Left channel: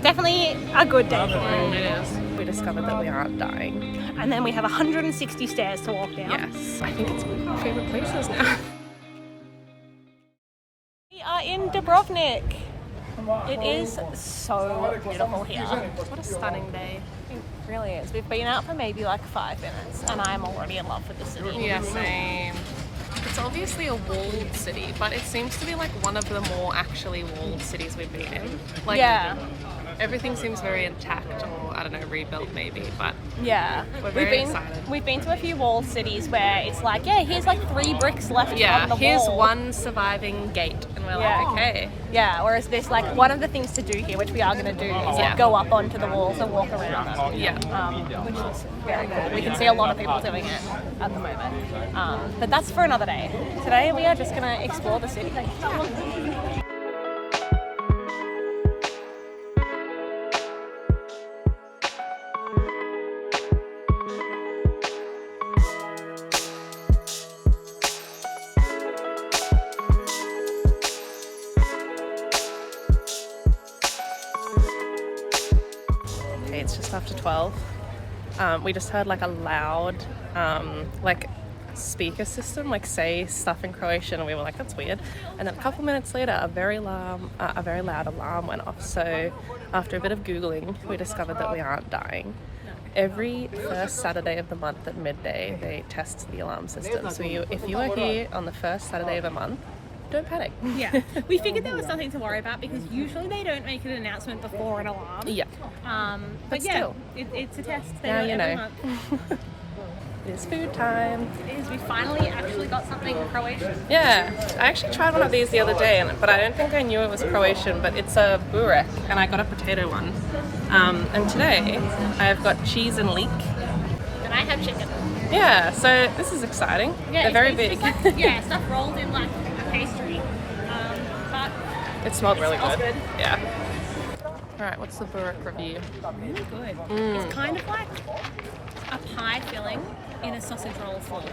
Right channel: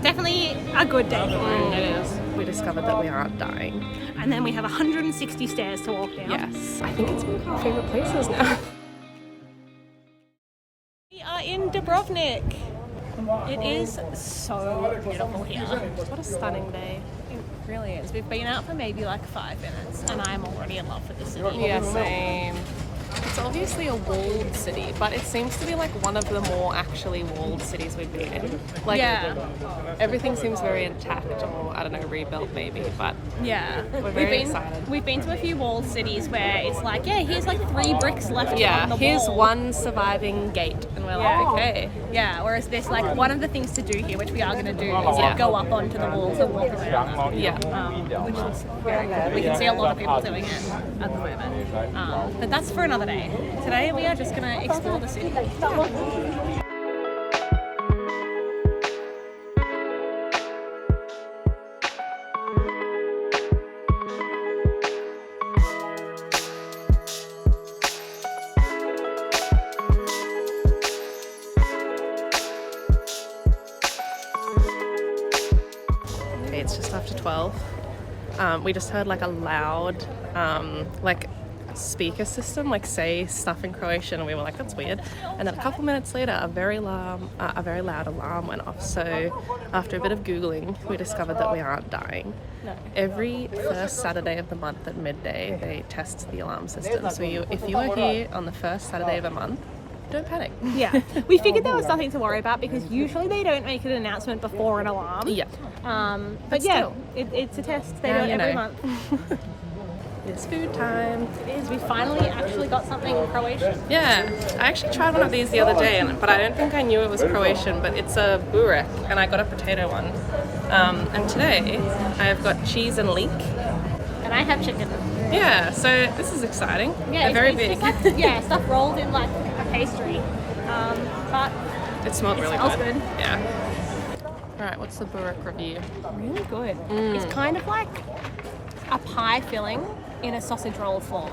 definitely a good day for it. It is. We discovered that we aren't dying. And then we have 160 stairs to walk down. Yes. I think it's one of our favourite places now. We are in Dubrovnik. It is so beautiful here. What a stunning day. It really is. We've been out for maybe like 5 minutes and I'm already in love with the city. Yeah, same. It's obviously a walled city, but it seems to be like one of the more actually walled cities we've been in. Like, yeah. Everything seems very intact, or I don't know, rebuilt maybe, but yeah, we're very excited. We've been to a few walled cities where it's like, yeah, here's like 3 bricks left on the wall. Here's one surviving gate, and we're like, okay. Yeah, whereas there's like one of the things to do here, which we are going to do, is like go up onto the walls and walk around them. Yeah. Which looks very cool. We can see a lot of people doing it at the moment. But that's for another day. Today we are just going to explore the city. It's just after 12. We just heard like a loud speaker system like say stuff in Croatian, and we were like, that's weird. And then a couple minutes later a very loud alarm went off. So after a bit of googling, we discovered that we aren't dying. Every first Saturday of the month at midday they test the alarm system, so if you are here on the first Saturday of a month, don't panic. Yeah, we figured there was nothing to worry about because usually they don't make an announcement before an alarm. Yeah. But yeah, still. It's a test. Now you know. Month. It is food time. It is. We finally actually got something in Croatian. Yeah, I actually tried one of these the other day, but I don't think I knew it was Croatian, but it's a burek, and I got a potato one. And today I've got cheese and leek. And I have chicken. Yeah, so this is exciting. Yeah, they're very big. Like, stuff rolled in like pastry. But it smelled really smells good. good. Yeah. All right, what's the burek review? Really good. It's kind of like a pie filling in a sausage roll form.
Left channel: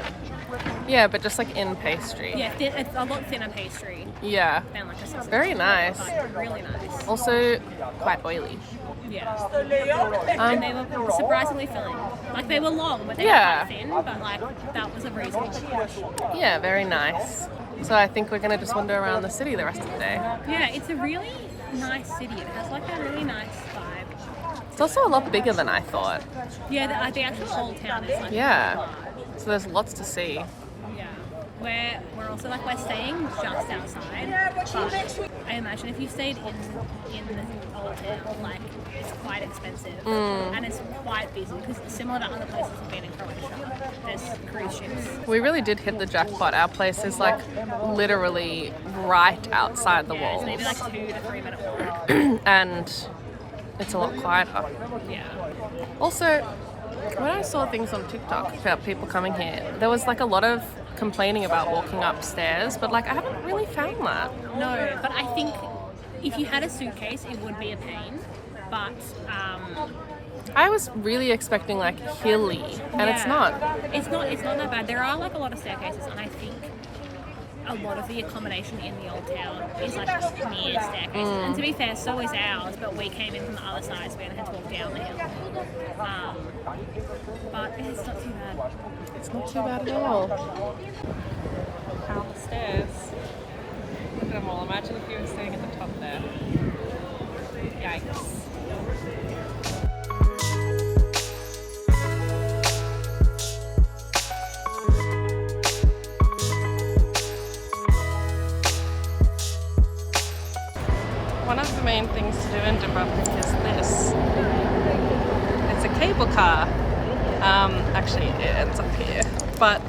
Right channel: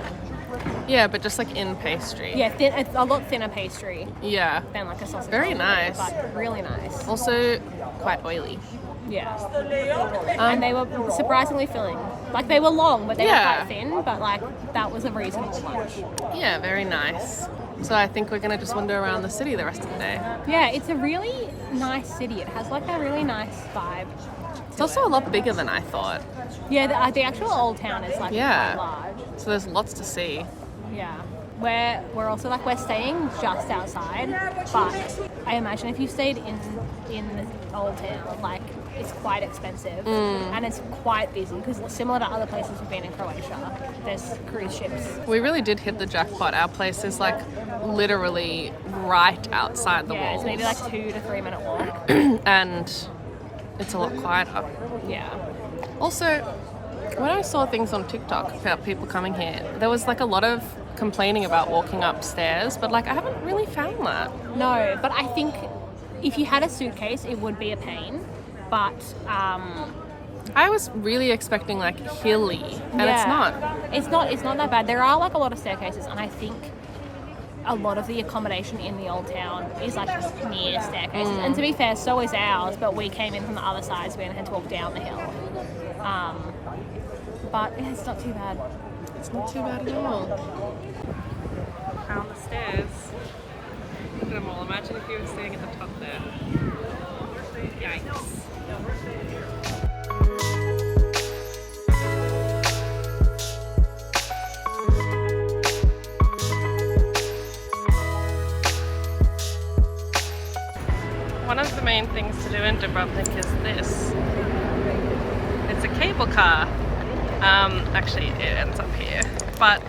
Yeah, but just like in pastry. Yeah, it's a lot thinner pastry. Yeah. Than like a sausage very roll, nice. But really nice. Also quite oily. Yeah. And they were surprisingly filling. Like they were long, but they were quite thin, but like that was a reasonable bunch. Yeah, very nice. So I think we're going to just wander around the city the rest of the day. Yeah, it's a really nice city. It has like a really nice vibe. It's also a lot bigger than I thought. Yeah, the actual old town is like large. So there's lots to see. Yeah. We're also like, we're staying just outside, but I imagine if you stayed in the old town, like it's quite expensive and it's quite busy because similar to other places we've been in Croatia, there's cruise ships. We really did hit the jackpot. Our place is like literally right outside the walls. It's maybe like 2 to 3 minute walk. And it's a lot quieter. Yeah. Also, when I saw things on TikTok about people coming here, there was like a lot of complaining about walking upstairs, but like I haven't really found that. No, but I think if you had a suitcase, it would be a pain. But I was really expecting like hilly, and it's not. It's not that bad. There are like a lot of staircases, and I think a lot of the accommodation in the old town is like near staircases. And to be fair, so is ours, but we came in from the other side, so we had to walk down the hill. But it's not too bad. It's not too bad at all. Found the stairs. Look at them all. Imagine if you were sitting at the top there. Yikes. One of the main things to do in Dubrovnik is this. It's a cable car. Actually, it ends up here, but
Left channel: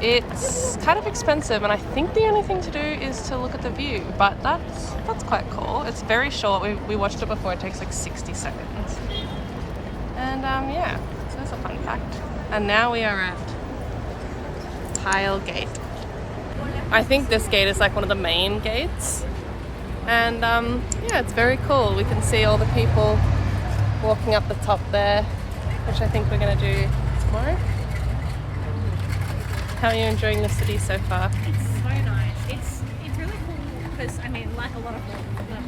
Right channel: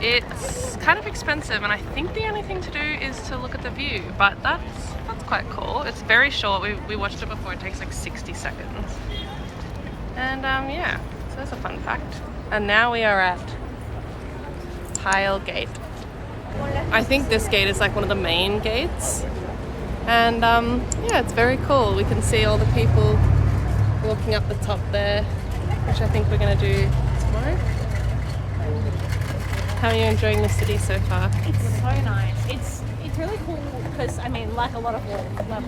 it's kind of expensive, and I think the only thing to do is to look at the view, but that's quite cool. It's very short. We watched it before. It takes like 60 seconds. And yeah, so that's a fun fact. And now we are at Pile Gate. I think this gate is like one of the main gates. And yeah, it's very cool. We can see all the people walking up the top there, which I think we're going to do tomorrow. How are you enjoying the city so far? It's so nice. It's really cool because, I mean, like a lot of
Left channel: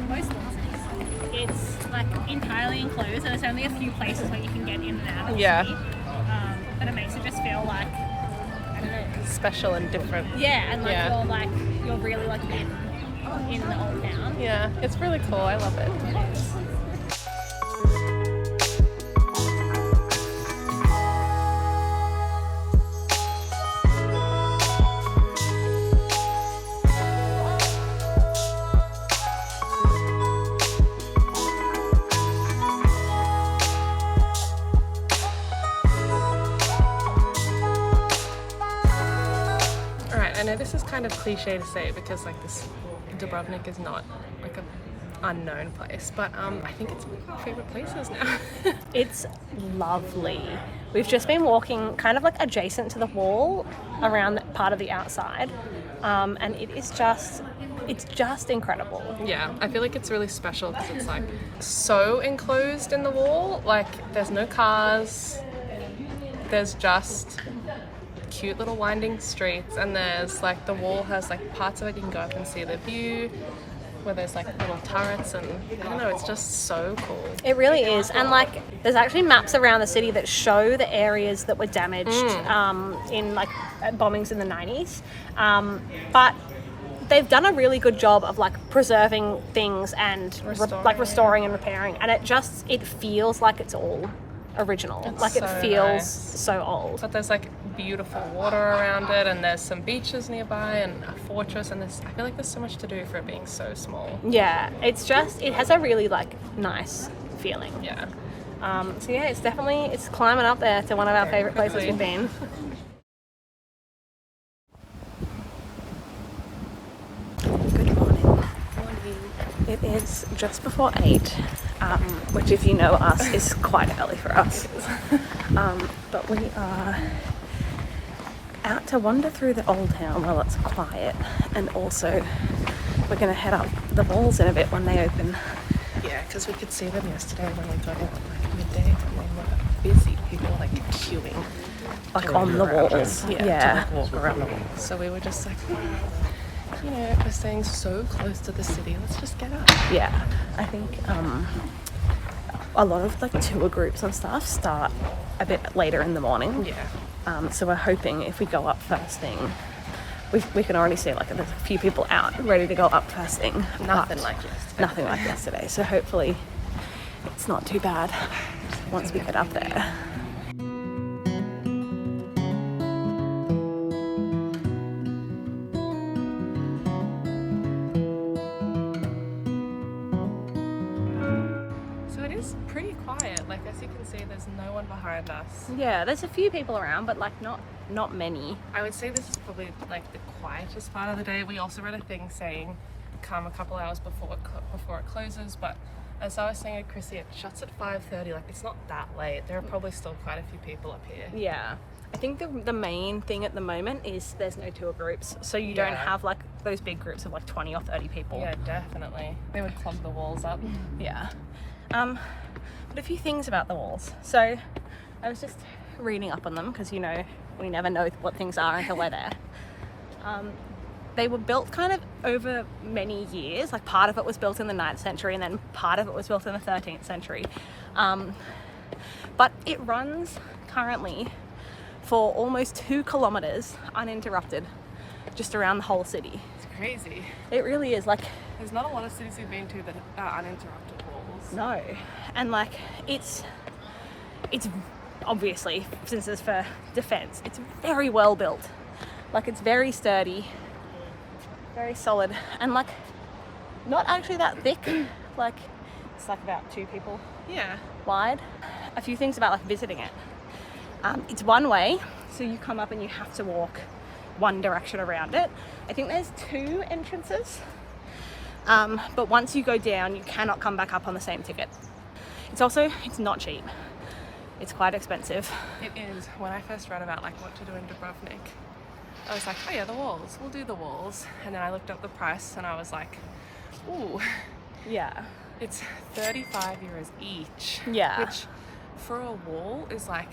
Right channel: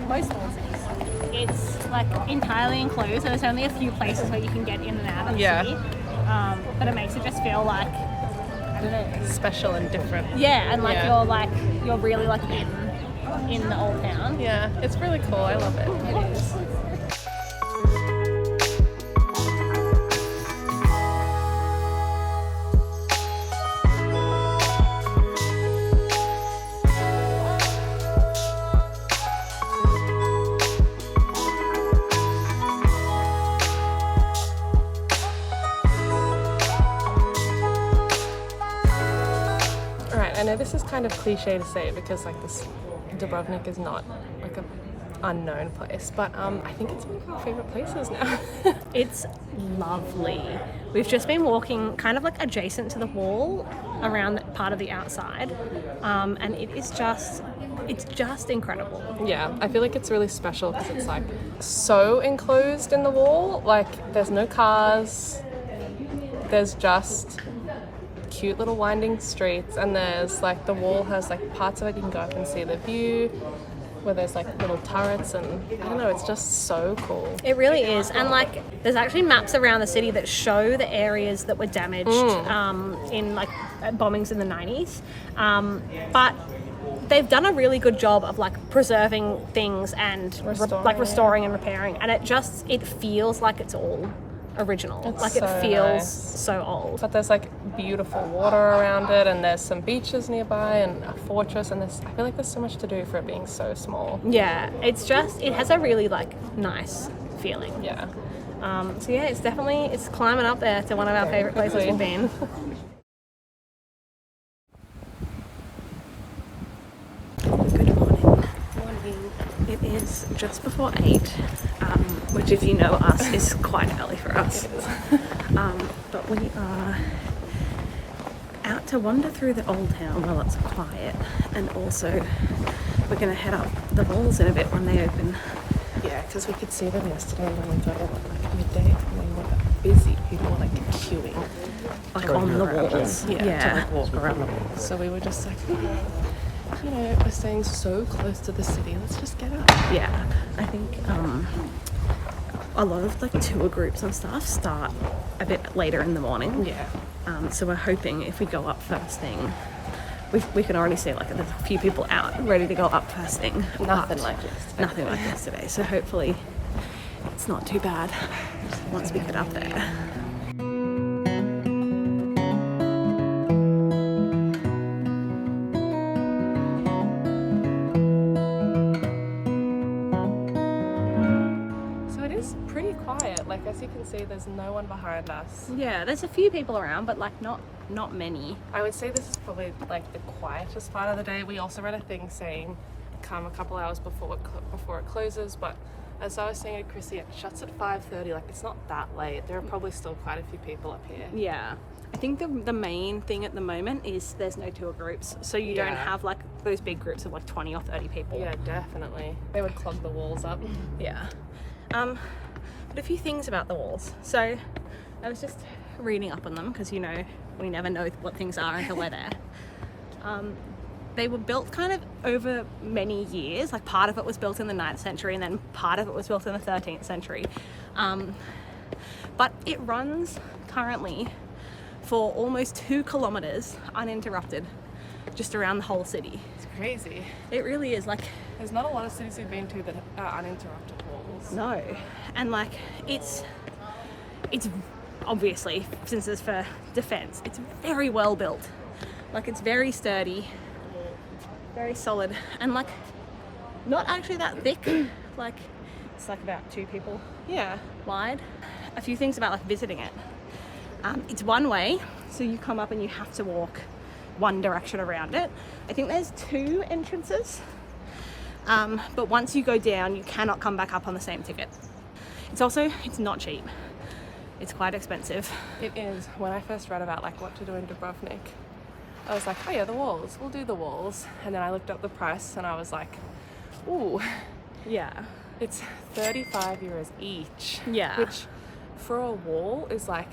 most wall cities, it's like entirely enclosed, and there's only a few places where you can get in and out of the city. But it makes it just feel like, I don't know, special and different. Yeah, and you're really like in the old town. Yeah, it's really cool. I love it. It is. I know this is kind of cliche to say because like this Dubrovnik is not like a unknown place, but I think it's one of our favorite places now. It's lovely. We've just been walking kind of like adjacent to the wall around part of the outside, and it's just incredible. Yeah, I feel like it's really special because it's like so enclosed in the wall. Like there's no cars, there's just cute little winding streets, and there's like the wall has like parts of it you can go up and see the view where there's like little turrets, and I don't know, it's just so cool. It really is. And like there's actually maps around the city that show the areas that were damaged in like bombings in the 90s, but they've done a really good job of like preserving things and restoring and repairing, and it feels like it's all original. It's like so it feels nice. So old. But there's like beautiful water around it, and there's some beaches nearby and a fortress, and I feel like there's so much to do for it being so small. Yeah, it has a really like nice feeling. Yeah. So yeah, it's climbing up there to one of our favorite places we've been. Good morning. It is just before 8, which if you know us is quite early for us. But we are out to wander through the old town while it's quiet, and also we're going to head up the walls in a bit when they open. Yeah, because we could see them yesterday when we got in at like midday, and they were busy. People were like queuing, Like on the walls. Yeah, to like walk around the walls. So we were just like, you know, we're staying so close to the city, let's just get up. Yeah, I think a lot of like tour groups and stuff start a bit later in the morning. Yeah. So we're hoping if we go up first thing, we can already see like there's a few people out ready to go up first thing. Nothing like yesterday. Nothing like yesterday. So hopefully it's not too bad once we get up there. Pretty quiet. Like as you can see, there's no one behind us. Yeah, there's a few people around, but like not many. I would say this is probably like the quietest part of the day. We also read a thing saying come a couple hours before it closes, but as I was saying to Krissie, it shuts at 5:30. Like it's not that late. There are probably still quite a few people up here. Yeah. I think the main thing at the moment is there's no tour groups, so you don't have like those big groups of like 20 or 30 people. Yeah, definitely. They would clog the walls up. Yeah. But a few things about the walls. So I was just reading up on them because, you know, we never know what things are until we're there. They were built kind of over many years. Like part of it was built in the 9th century and then part of it was built in the 13th century. But it runs currently for almost 2 kilometers uninterrupted just around the whole city. It's crazy. It really is. Like there's not a lot of cities we've been to that are uninterrupted walls. No. And like it's obviously, since it's for defense, it's very well built. Like it's very sturdy, very solid, and like not actually that thick. Like it's like about 2 people wide. A few things about like visiting it. It's one way, so you come up and you have to walk one direction around it. I think there's 2 entrances, but once you go down you cannot come back up on the same ticket. It's not cheap. It's quite expensive. It is. When I first read about like what to do in Dubrovnik, I was like, oh yeah, the walls, we'll do the walls. And then I looked up the price and I was like, ooh, Yeah. it's 35 euros each. Yeah. Which for a wall is like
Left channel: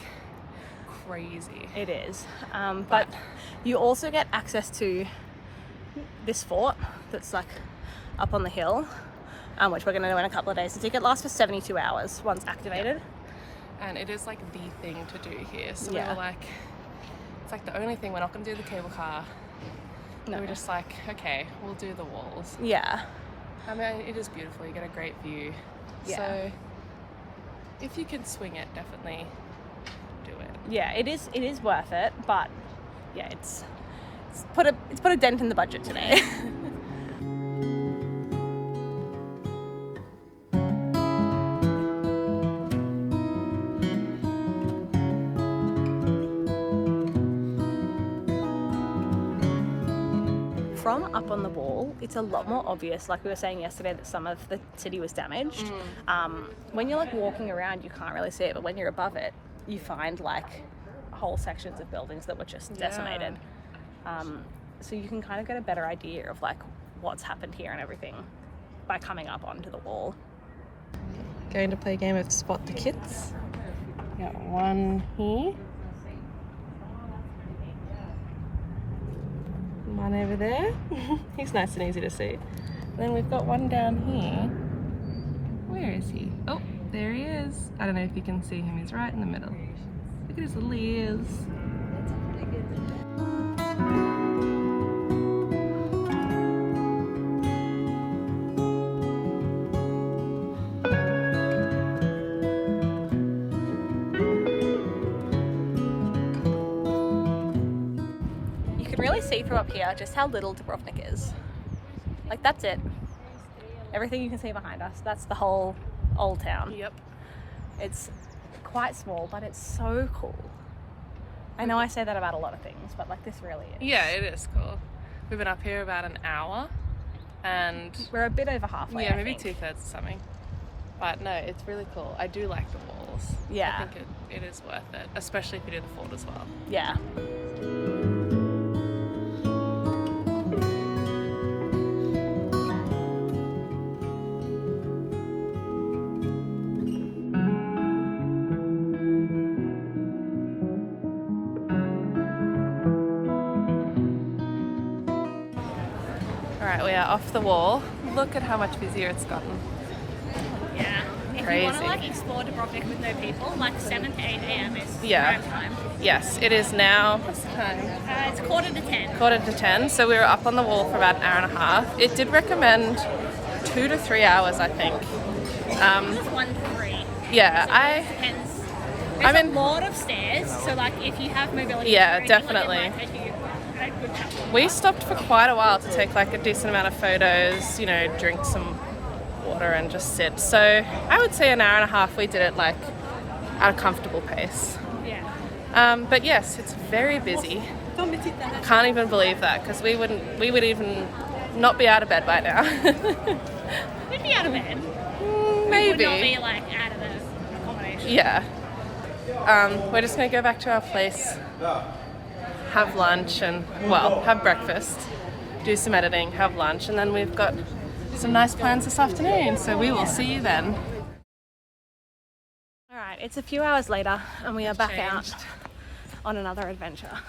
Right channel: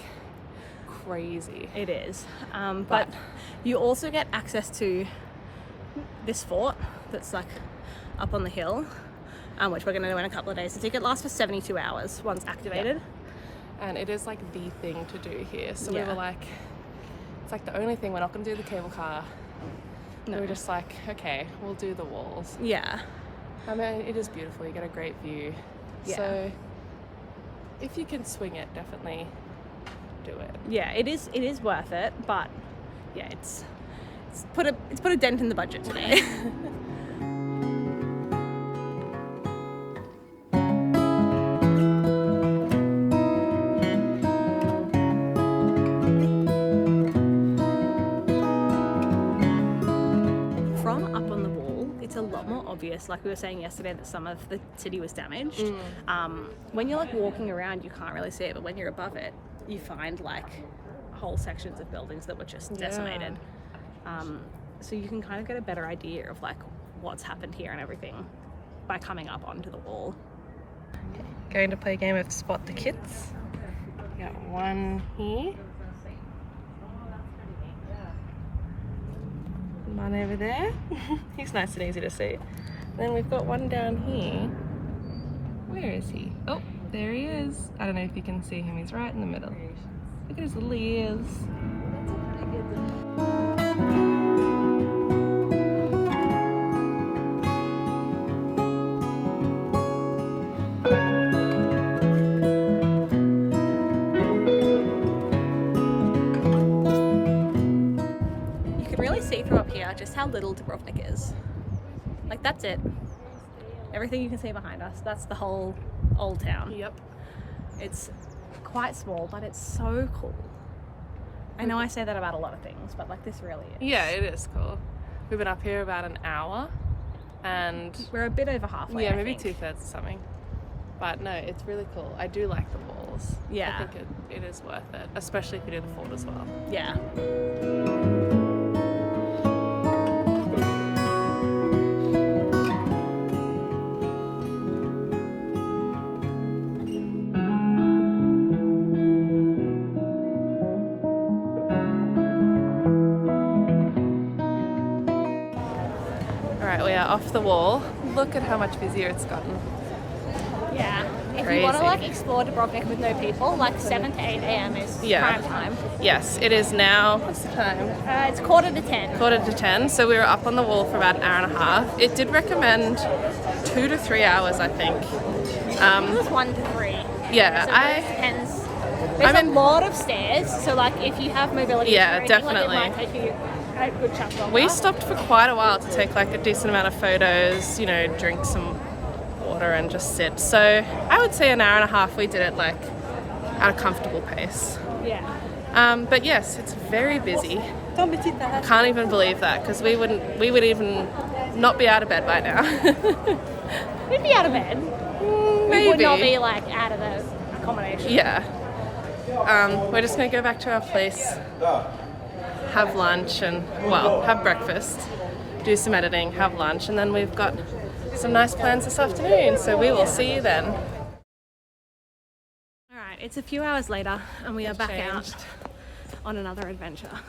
crazy. It is. But you also get access to this fort that's like up on the hill, which we're going to do in a couple of days. The ticket lasts for 72 hours once activated. And it is like the thing to do here. So we Yeah. were like, it's like the only thing, we're not going to do the cable car. No. We were just like, okay, we'll do the walls. Yeah. I mean, it is beautiful. You get a great view. Yeah. So if you can swing it, definitely do it. Yeah, it is worth it, but yeah, it's put a dent in the budget today. From up on the wall, it's a lot more obvious, like we were saying yesterday, that some of the city was damaged. When you're like walking around, you can't really see it, but when you're above it, you find like whole sections of buildings that were just decimated. So you can kind of get a better idea of like what's happened here and everything by coming up onto the wall. Okay. Going to play a game of Spot the Kids. Got one here. One over there. He's nice and easy to see. Then we've got one down here. Where is he? Oh, there he is. I don't know if you can see him. He's right in the middle. Look at his little ears. Really see from up here just how little Dubrovnik is. Like, that's it. Everything you can see behind us, that's the whole old town. Yep. It's quite small, but it's so cool. I know I say that about a lot of things, but like this really is. Yeah, it is cool. We've been up here about an hour and we're a bit over halfway. yeah, I maybe think. 2/3 or something. But no, it's really cool. I do like the walls. Yeah. I think it is worth it, especially if you do the fort as well. Yeah. Alright, we are off the wall. Look at how much busier it's gotten. Yeah. If Crazy. you want to like explore Dubrovnik with no people, like 7 to 8 a.m. is prime time. Yes, it is now, what's the time? It's 9:45. 9:45, so we were up on the wall for about an hour and a half. It did recommend 2 to 3 hours, I think. It was 1 to 3. Yeah, So I... it depends. There's a lot of stairs, so like if you have mobility, Yeah, or anything, definitely. Like, it might take you a good chunk longer. We stopped for quite a while to take like a decent amount of photos, you know, drink some water and just sit. So I would say an hour and a half we did it like at a comfortable pace. Yeah. But yes, it's very busy. I can't even believe that because we would even not be out of bed by now. We'd be out of bed. Maybe. We would not be like out of the accommodation. Yeah. We're just gonna go back to our place, have lunch and, well, have breakfast, do some editing, have lunch, and then we've got some nice plans this afternoon, so we will see you then. Alright, it's a few hours later and we are back out on another adventure.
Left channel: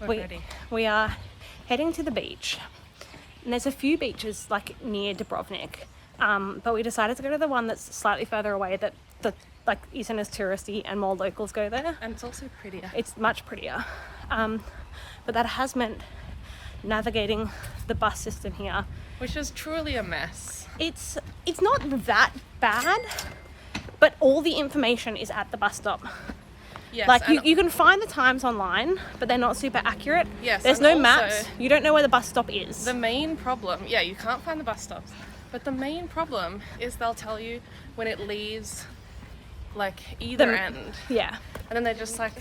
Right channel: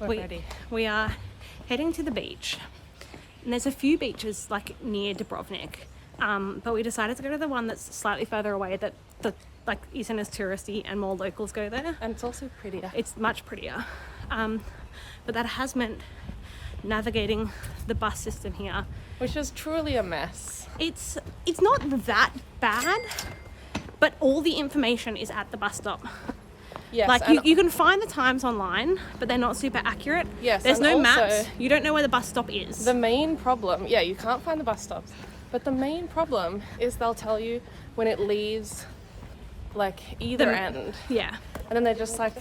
We're ready. We are heading to the beach. And there's a few beaches like near Dubrovnik, but we decided to go to the one that's slightly further away that like isn't as touristy and more locals go there. And it's also prettier. It's much prettier. But that has meant navigating the bus system here. Which is truly a mess. It's not that bad, but all the information is at the bus stop. Yes, Like you can find the times online, but they're not super accurate. Yes, There's and no also maps. You don't know where the bus stop is. the main problem, yeah, you can't find the bus stops, but the main problem is they'll tell you when it leaves like either end, Yeah. and then they're just like,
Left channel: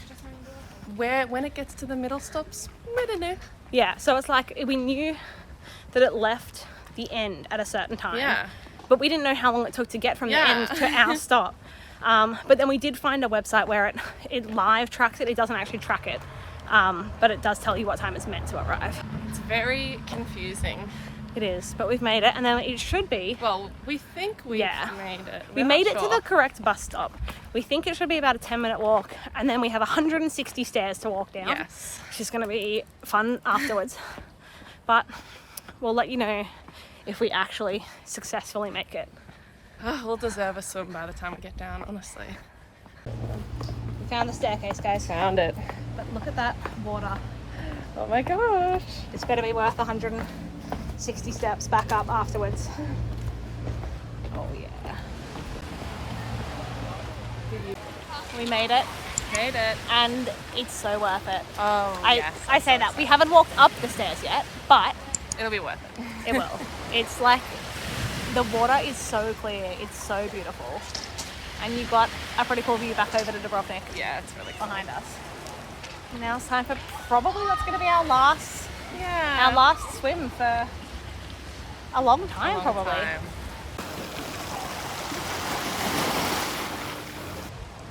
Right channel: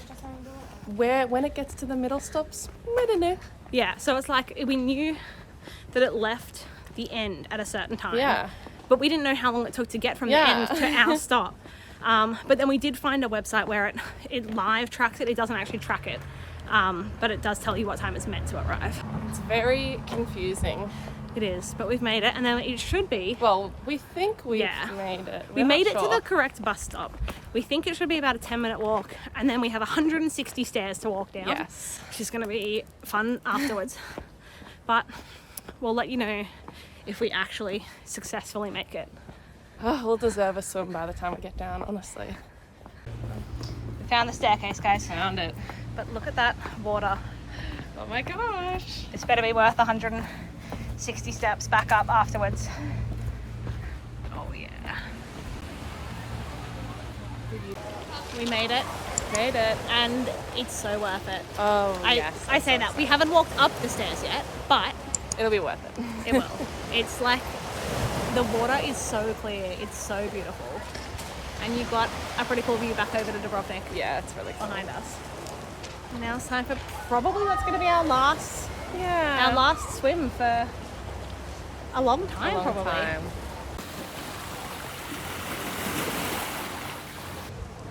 when it gets to the middle stops, I don't know. Yeah, so it's like we knew that it left the end at a certain time. Yeah. But we didn't know how long it took to get from the Yeah. end to our stop. But then we did find a website where it live tracks it. It doesn't actually track it. But it does tell you what time it's meant to arrive. It's very confusing. It is, but we've made it, and then it should be. Well, we think we've Yeah. made it. We made it to the correct bus stop. We think it should be about a 10-minute walk, and then we have 160 stairs to walk down. Yes. Which is going to be fun afterwards. But we'll let you know if we actually successfully make it. Oh, we'll deserve a swim by the time we get down, honestly. We found the staircase, guys. Found it. But look at that water. Oh my gosh. This better be worth 160 steps back up afterwards. Oh yeah. We made it. Made it. And it's so worth it. Oh, I say that. We haven't walked up the stairs yet, but it'll be worth it. it will. It's like, the water is so clear. It's so beautiful. And you've got a pretty cool view back over to Dubrovnik. Yeah, it's really cool. Behind us. Now it's time for probably what's going to be our last swim for a long time, probably.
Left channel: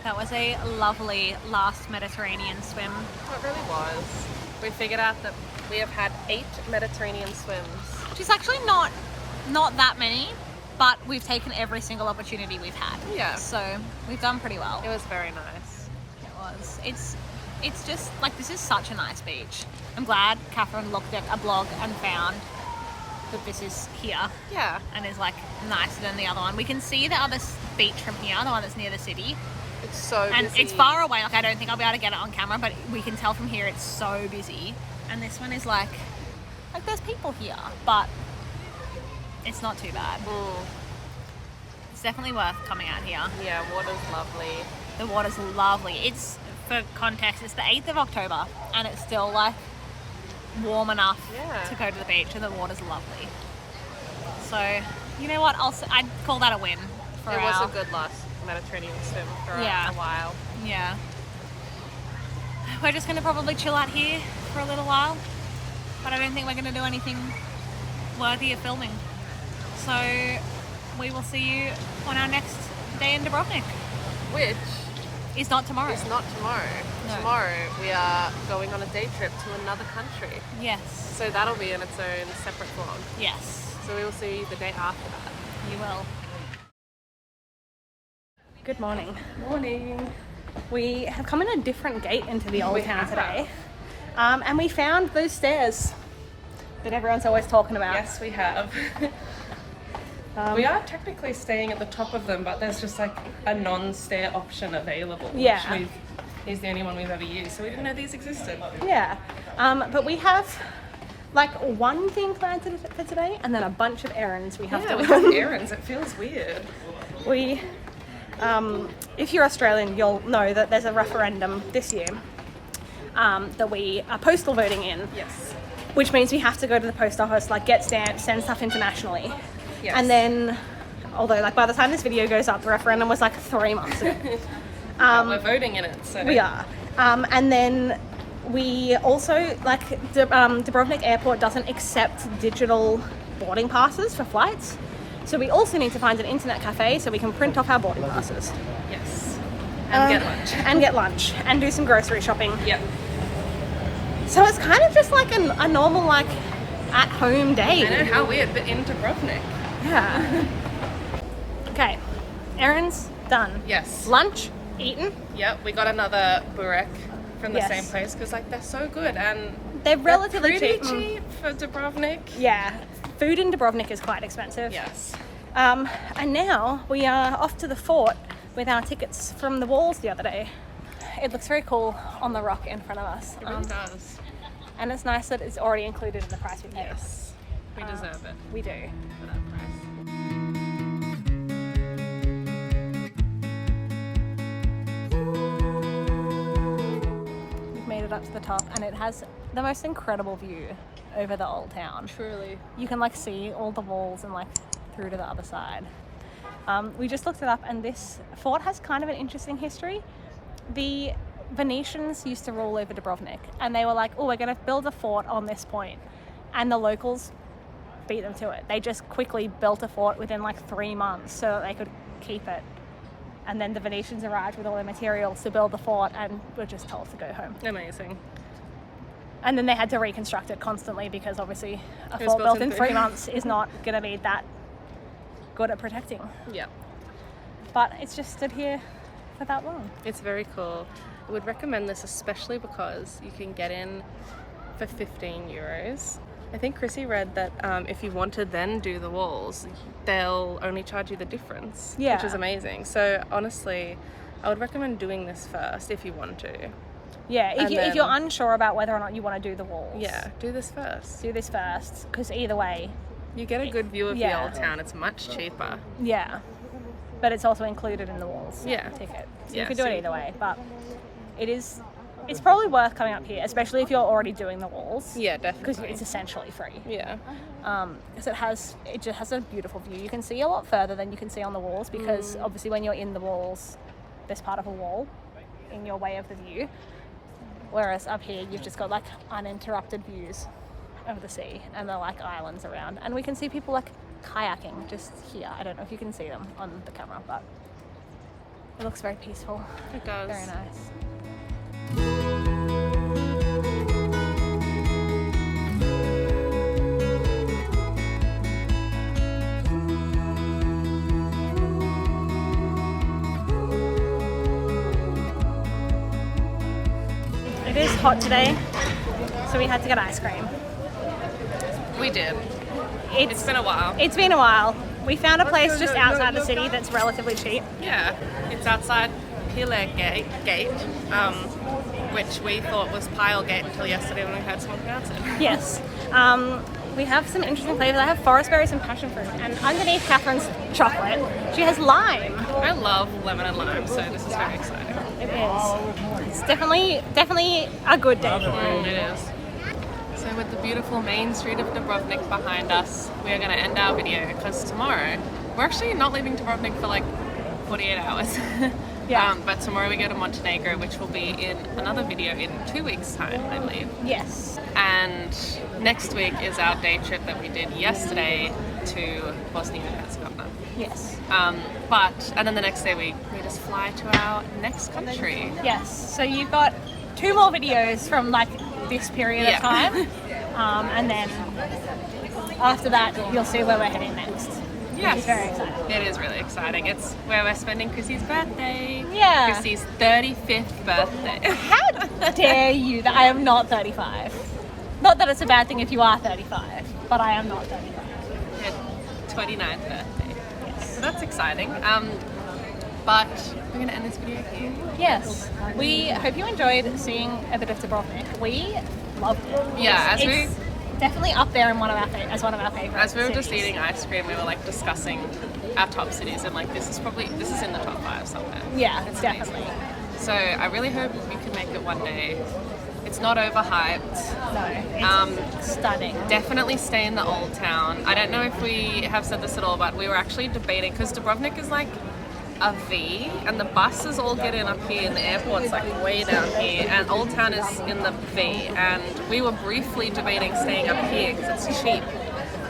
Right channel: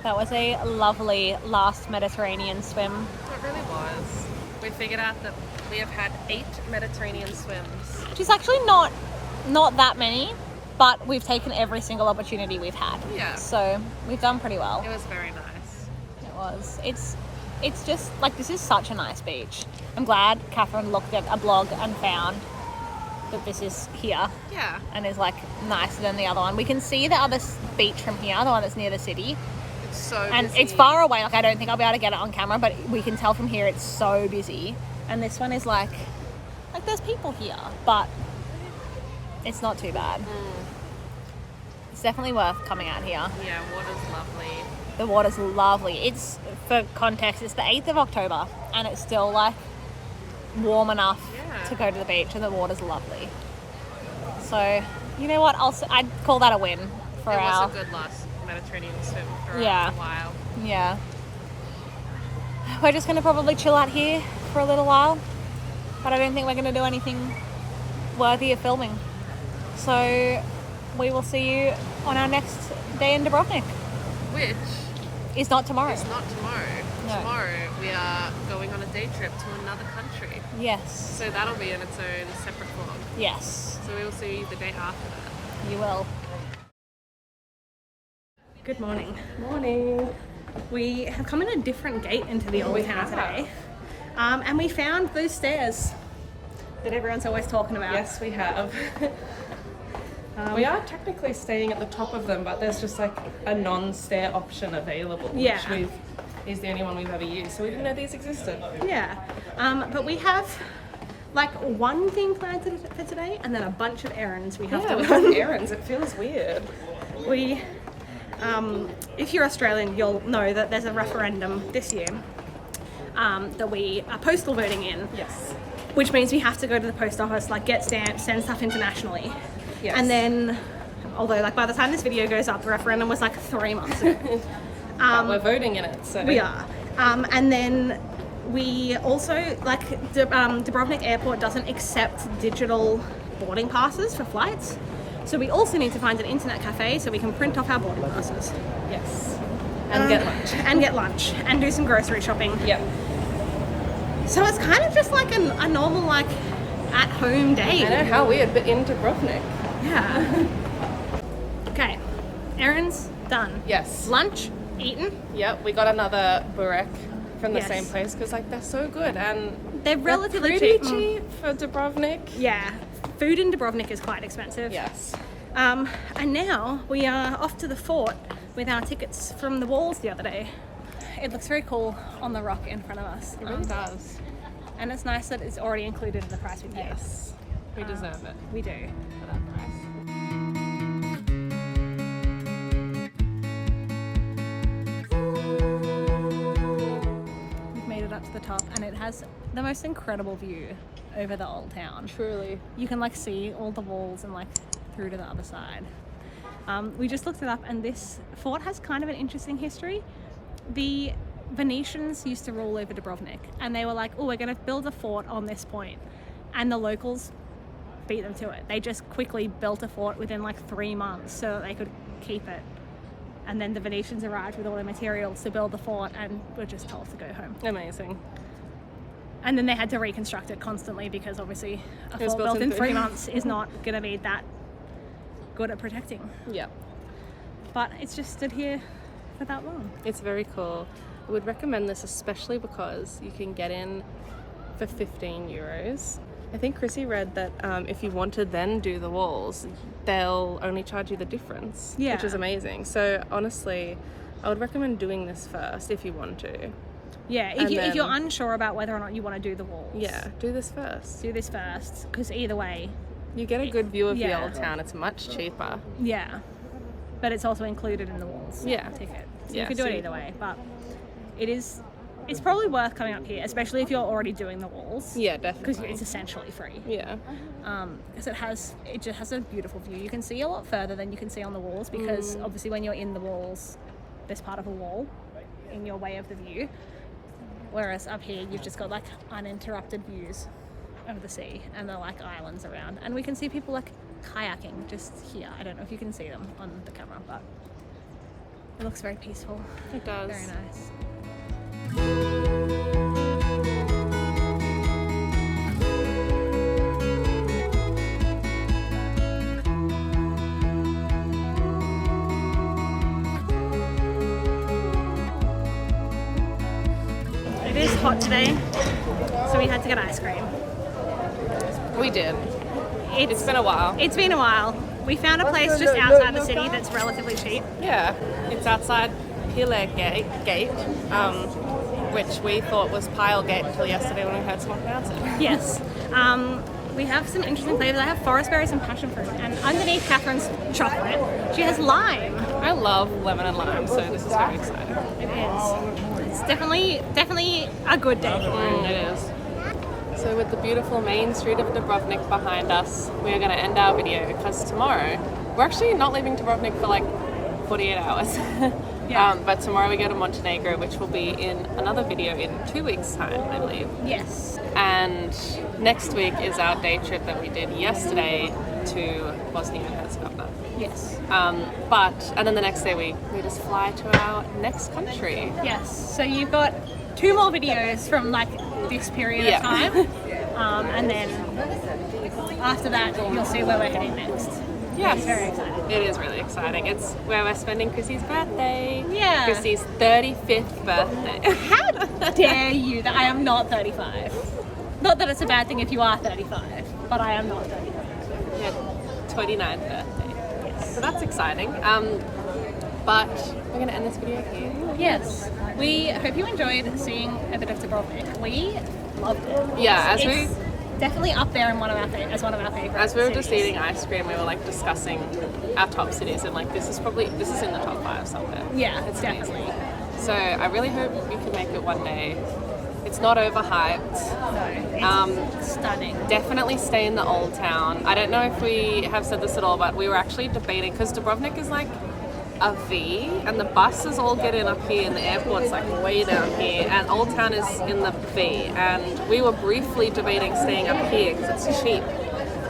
That was a lovely last Mediterranean swim. It really was. We figured out that we have had 8 Mediterranean swims. Which is actually not that many, but we've taken every single opportunity we've had. Yeah. So we've done pretty well. It was very nice. It was. It's just like, this is such a nice beach. I'm glad Catherine looked at a blog and found that this is here. Yeah. And is like nicer than the other one. We can see the other beach from here, the one that's near the city. It's so busy. And it's far away, like I don't think I'll be able to get it on camera, but we can tell from here it's so busy. And this one is like there's people here, but it's not too bad. It's definitely worth coming out here. Yeah, water's lovely. The water's lovely. It's, for context, it's the 8th of October and it's still like warm enough to go to the beach, and the water's lovely. So, you know what? I'd call that a win for It was a good last Mediterranean swim for a while. Yeah. We're just going to probably chill out here for a little while, but I don't think we're going to do anything worthy of filming. So we will see you on our next day in Dubrovnik. Which is not tomorrow. It's not tomorrow. No. Tomorrow we are going on a day trip to another country. Yes. So that'll be in its own separate vlog. Yes. So we will see you the day after that. You will. Good morning. Morning. We have come in a different gate into the old town today. And we found those stairs that everyone's always talking about. Yes, we have. We are technically staying at the top of them, but there's just like a non-stair option available. Yeah. Which is the only one we've ever used, so we didn't know these existed. Yeah. But we have like one thing planned for today, and then a bunch of errands we have to run. Errands. It feels weird. We, if you're Australian, you'll know that there's a referendum this year that we are postal voting in. Yes. Which means we have to go to the post office, like get stamps, send stuff internationally. Yes. And then, although like by the time this video goes up, the referendum was like 3 months ago. We're voting in it, so. We are. And then we also, like, Dubrovnik Airport doesn't accept digital boarding passes for flights. So we also need to find an internet cafe so we can print off our boarding passes. Yes. And get lunch. And get lunch. And do some grocery shopping. Yep. So it's kind of just like a normal, like, at-home day. I know, how weird, but in Dubrovnik. Yeah. Okay. Errands done. Yes. Lunch eaten. Yep. We got another burek from the same place because like they're so good and they're relatively cheap for Dubrovnik. Yeah. Food in Dubrovnik is quite expensive. Yes. And now we are off to the fort with our tickets from the walls the other day. It looks very cool on the rock in front of us. It does. And it's nice that it's already included in the price we paid. Yes. We deserve it. We do. For that price. We've made it up to the top and it has the most incredible view over the old town. Truly. You can like see all the walls and like through to the other side. We just looked it up and this fort has kind of an interesting history. The Venetians used to rule over Dubrovnik and they were like, oh, we're going to build a fort on this point. And the locals beat them to it. They just quickly built a fort within like 3 months so that they could keep it. And then the Venetians arrived with all their materials to build the fort and were just told to go home. Amazing. And then they had to reconstruct it constantly because obviously a fort built in 3 months is not going to be that good at protecting. Yeah. But it's just stood here for that long. It's very cool. I would recommend this especially because you can get in for 15 euros I think Krissie read that if you want to then do the walls, they'll only charge you the difference, Yeah. which is amazing. So honestly, I would recommend doing this first if you want to. Yeah, And if you're then- unsure about whether or not you want to do the walls, Yeah, do this first. do this first, because either way, You get a good view of the Yeah. old town. It's much cheaper. yeah. But it's also included in the walls Yeah. ticket. So Yeah, you could do it so- either way, but it's probably worth coming up here, especially if you're already doing the walls. Yeah, Because definitely. it's essentially free. Yeah. Because it just has a beautiful view. You can see a lot further than you can see on the walls, because obviously when you're in the walls, there's part of a wall in your way of the view. Whereas up here, you've just got like uninterrupted views of the sea, and the like islands around. And we can see people like kayaking just here. I don't know if you can see them on the camera, but it looks very peaceful. It does. Very nice. It is hot today, so we had to get ice cream. We did. It's been a while. It's been a while. We found a place just outside the city that's relatively cheap. Yeah. It's outside Pile Gate, which we thought was Pile Gate until yesterday when we heard someone pronounce it. Yes. We have some interesting flavors. I have forest berries and passion fruit, and underneath Catherine's chocolate, she has lime. I love lemon and lime, so this is very exciting. It is. It's definitely a good day for it. It is. So with the beautiful main street of Dubrovnik behind us, we are going to end our video because tomorrow, we're actually not leaving Dubrovnik for like 48 hours. Yeah. But tomorrow we go to Montenegro, which will be in another video in 2 weeks' time, I believe. Yes. And next week is our day trip that we did yesterday to Bosnia and Herzegovina. Yes. And then the next day we just fly to our next country. Yes. So you've got 2 more videos from like this period of Yeah. time, and then after that you'll see where we're heading next. Yes. Which is very exciting. It is really exciting. It's where we're spending Krissie's birthday. Yeah. Krissie's 35th birthday. How dare you that I am not 35? Not that it's a bad thing if you are 35, but I am not 35. Her 29th birthday. Yes. So that's exciting. But we're going to end this video here. Yes. We hope you enjoyed seeing a bit of Dubrovnik. We loved it. Yeah, It's definitely up there in one of our favorites. As we were just eating ice cream, we were like discussing our top cities, and like this is in the top 5 somewhere. Yeah, it's definitely. So I really hope you can make it one day. It's not overhyped. No, it's stunning. Definitely stay in the old town. I don't know if we have said this at all, but we were actually debating, because Dubrovnik is like a V, and the buses all get in up here, and the airport's like way down here, and Old Town is in the V. And we were briefly debating staying up here because it's cheap.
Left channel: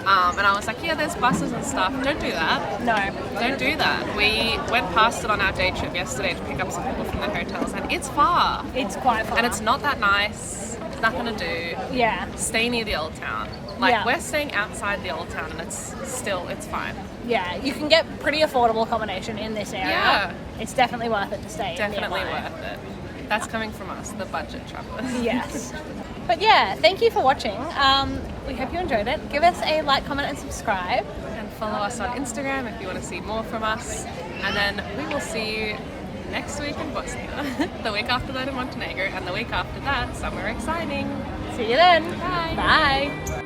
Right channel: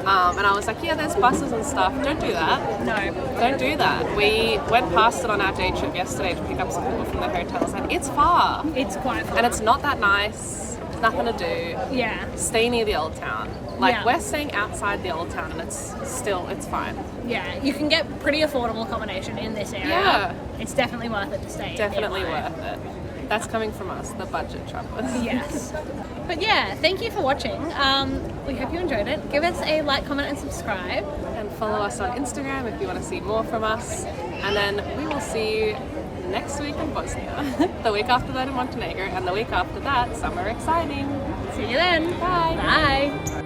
And I was like, yeah, there's buses and stuff. Don't do that. No. Don't do that. We went past it on our day trip yesterday to pick up some people from their hotels, and it's far. It's quite far. And it's not that nice. It's nothing to do. Yeah. Stay near the old town. Like, Yeah. we're staying outside the old town, and it's fine. Yeah, you can get pretty affordable accommodation in this area. Yeah. It's definitely worth it to stay Definitely nearby. worth it. That's coming from us, the budget travelers. Yes. But yeah, thank you for watching. We hope you enjoyed it. Give us a like, comment, and subscribe. And follow us on Instagram if you want to see more from us. And then we will see you next week in Bosnia, the week after that in Montenegro, and the week after that, somewhere exciting. See you then. Bye. Bye.